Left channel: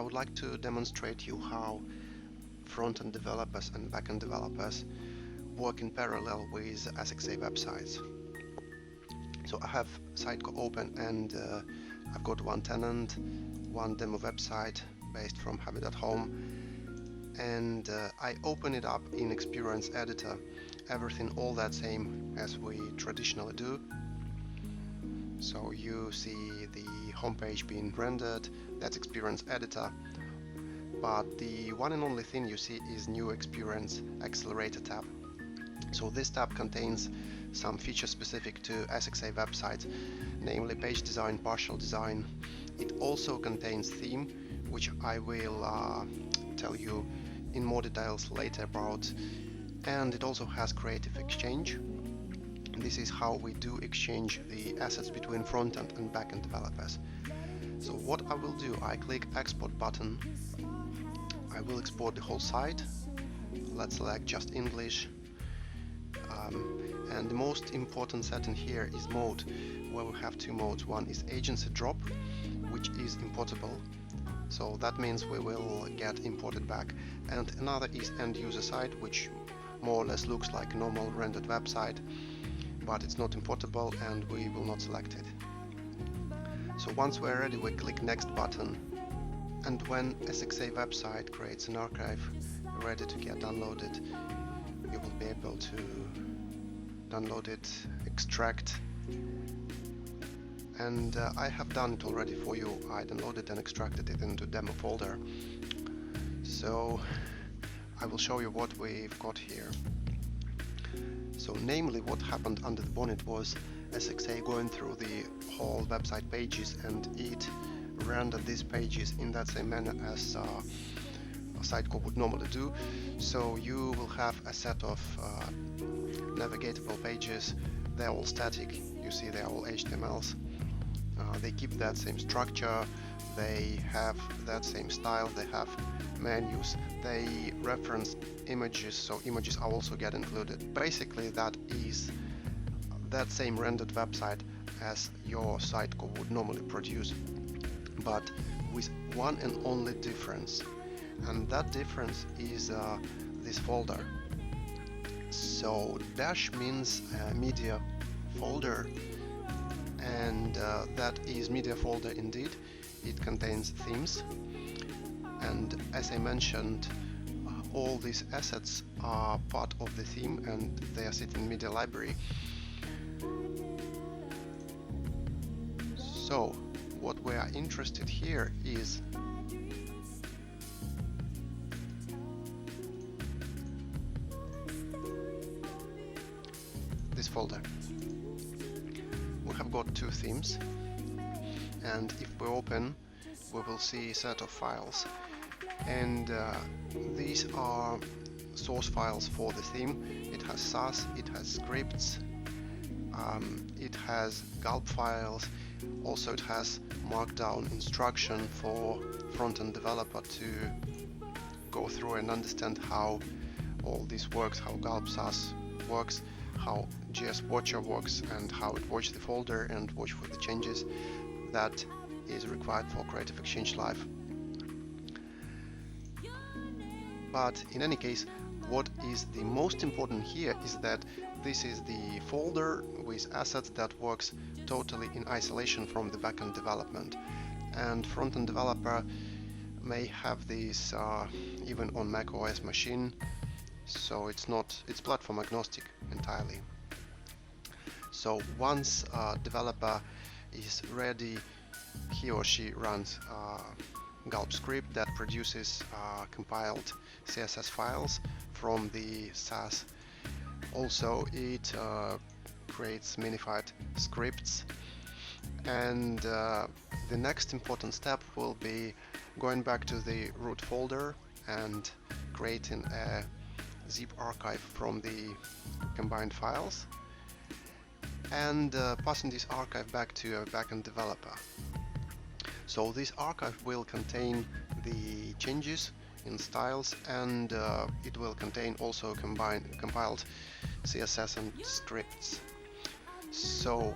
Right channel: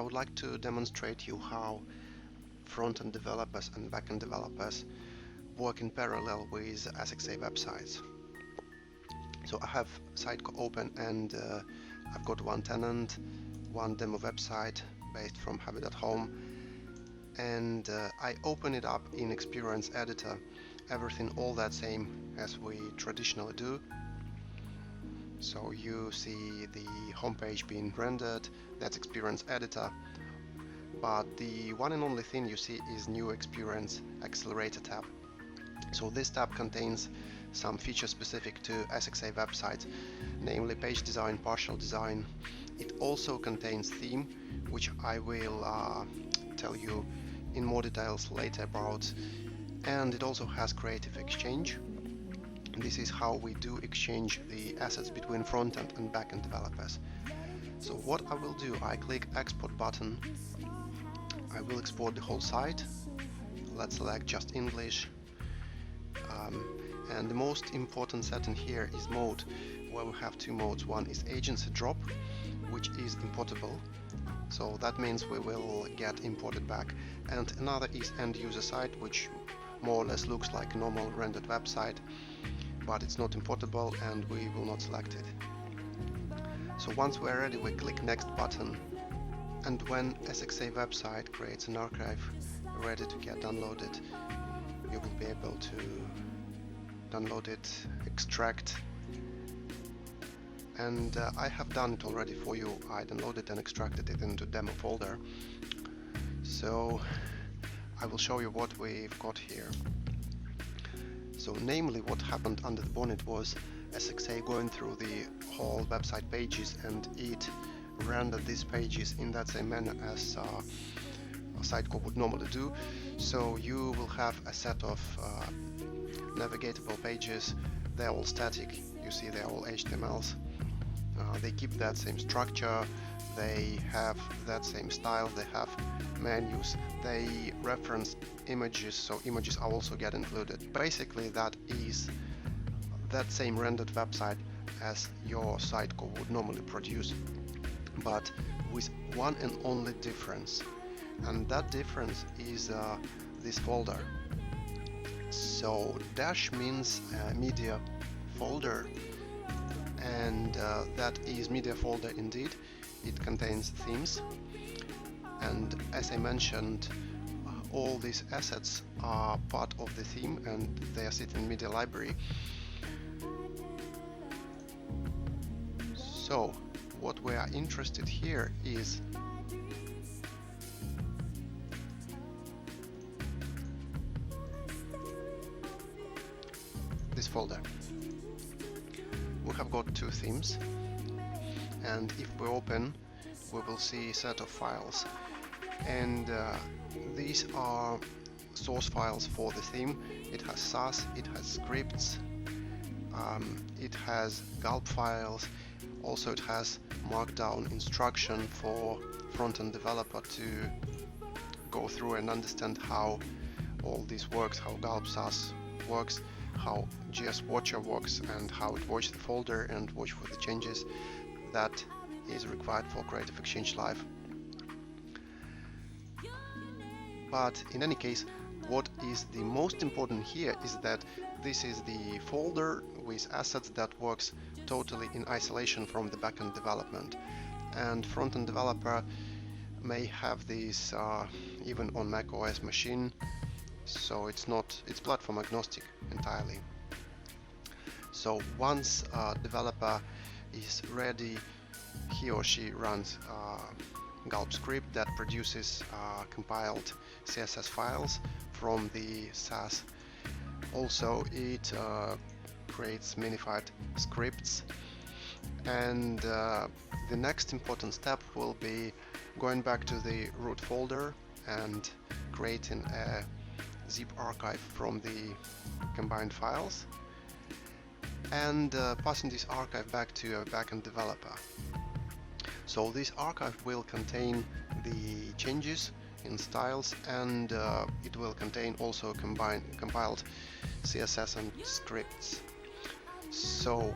I would like to demonstrate you how front-end developers and back-end developers work in parallel with SXA websites. So I have Sitecore open and I've got one tenant, one demo website based from Habit at Home, and I open it up in Experience Editor. Everything all that same as we traditionally do. So you see the homepage being rendered, that's Experience Editor, but the one and only thing you see is New Experience Accelerator tab. So this tab contains some features specific to SXA websites, namely page design, partial design. It also contains theme, which I will tell you in more details later about, and it also has Creative Exchange. This is how we do exchange the assets between front-end and back-end developers. So what I will do, I click Export button. I will export the whole site. Let's select just English. And the most important setting here is mode, where we have two modes. One is agency drop, which is importable. So that means we will get imported back. And another is end user site, which more or less looks like a normal rendered website, but it's not importable and we will not select it. So once we're ready, we click next button, and when SXA website creates an archive ready to get downloaded, you will be able to download it, extract, and I have done it already for you. I downloaded and extracted it into demo folder. So I will show you what we've got here. So namely what happened under the bonnet was SXA going through the whole website pages, and it rendered these pages in that same manner as Sitecore would normally do. So you will have a set of navigatable pages. They're all static, you see they're all HTMLs. They keep that same structure, they have that same style, they have menus, they reference images, so images are also get included. Basically that is that same rendered website as your Sitecore would normally produce, but with one and only difference, and that difference is this folder. So dash means media folder, and that is media folder indeed. It contains themes, and as I mentioned, all these assets are part of the theme and they are sitting in media library. So what we are interested here is this folder. We have got two themes, and if we open, we will see a set of files, and these are source files for the theme. It has SAS, it has scripts, it has gulp files, also it has markdown instruction for front-end developer to go through and understand how all this works, how gulp SAS works, how GS Watcher works, and how it watches the folder and watch for the changes that is required for Creative Exchange Live. But in any case, what is the most important here is that this is the folder with assets that works totally in isolation from the backend development, and front-end developer may have this even on Mac OS machine, so it's platform agnostic entirely. So once a developer is ready, he or she runs gulp script that produces compiled CSS files from the SAS. Also it creates minified scripts, and the next important step will be going back to the root folder and creating a zip archive from the combined files, and passing this archive back to a backend developer. So this archive will contain the changes in styles, and it will contain also compiled CSS and scripts. So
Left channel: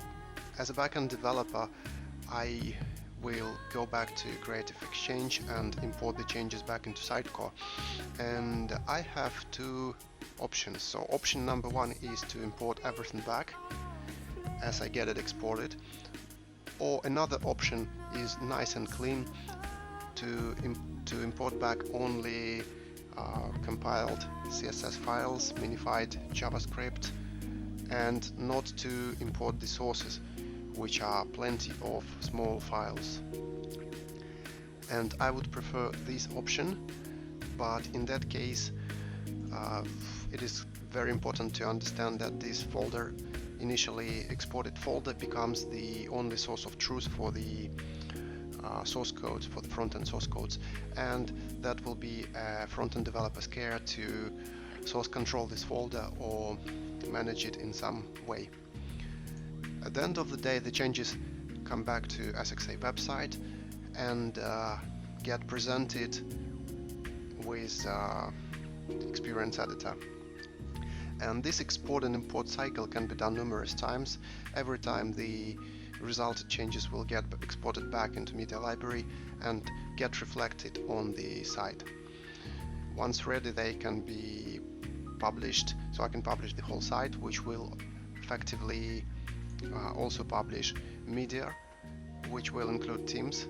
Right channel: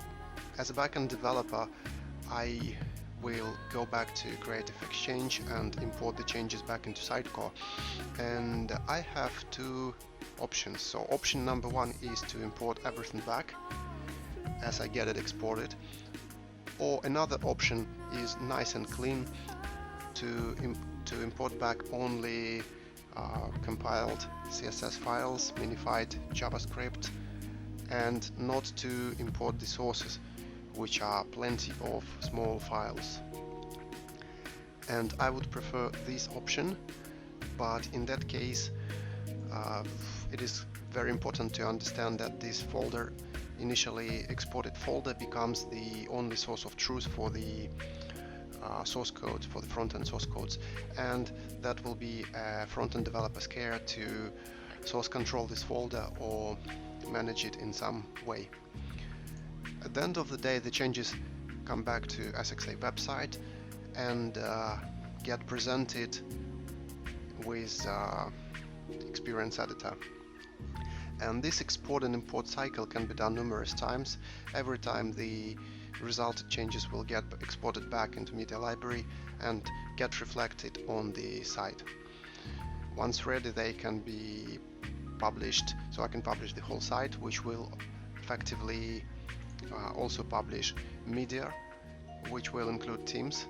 as a backend developer, I we'll go back to Creative Exchange and import the changes back into Sidecar. And I have two options. So option number one is to import everything back as I get it exported, or another option is nice and clean to import back only compiled CSS files, minified JavaScript, and not to import the sources, which are plenty of small files. And I would prefer this option, but in that case it is very important to understand that this folder, initially exported folder, becomes the only source of truth for the source codes, for the front-end source codes, and that will be a front-end developer's care to source control this folder or manage it in some way. At the end of the day, the changes come back to SXA website and get presented with the Experience Editor. And this export and import cycle can be done numerous times. Every time the resulted changes will get exported back into Media Library and get reflected on the site. Once ready, they can be published, so I can publish the whole site, which will effectively also publish media, which will include themes,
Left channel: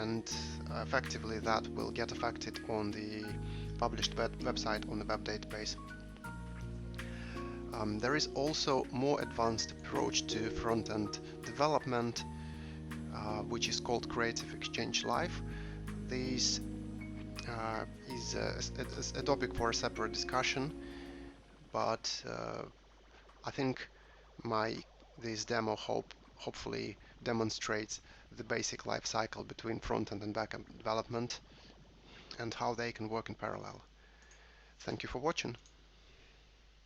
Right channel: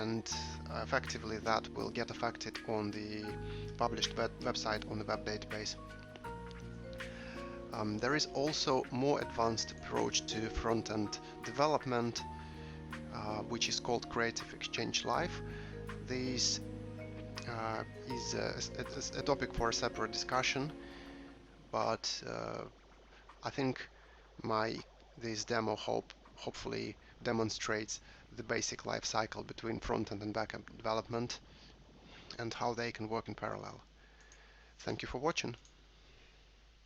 and effectively that will get affected on the published website on the web database. There is also more advanced approach to front-end development, which is called Creative Exchange Live. This is a topic for a separate discussion, but I think this demo hopefully demonstrates the basic life cycle between front-end and back-end development and how they can work in parallel. Thank you for watching.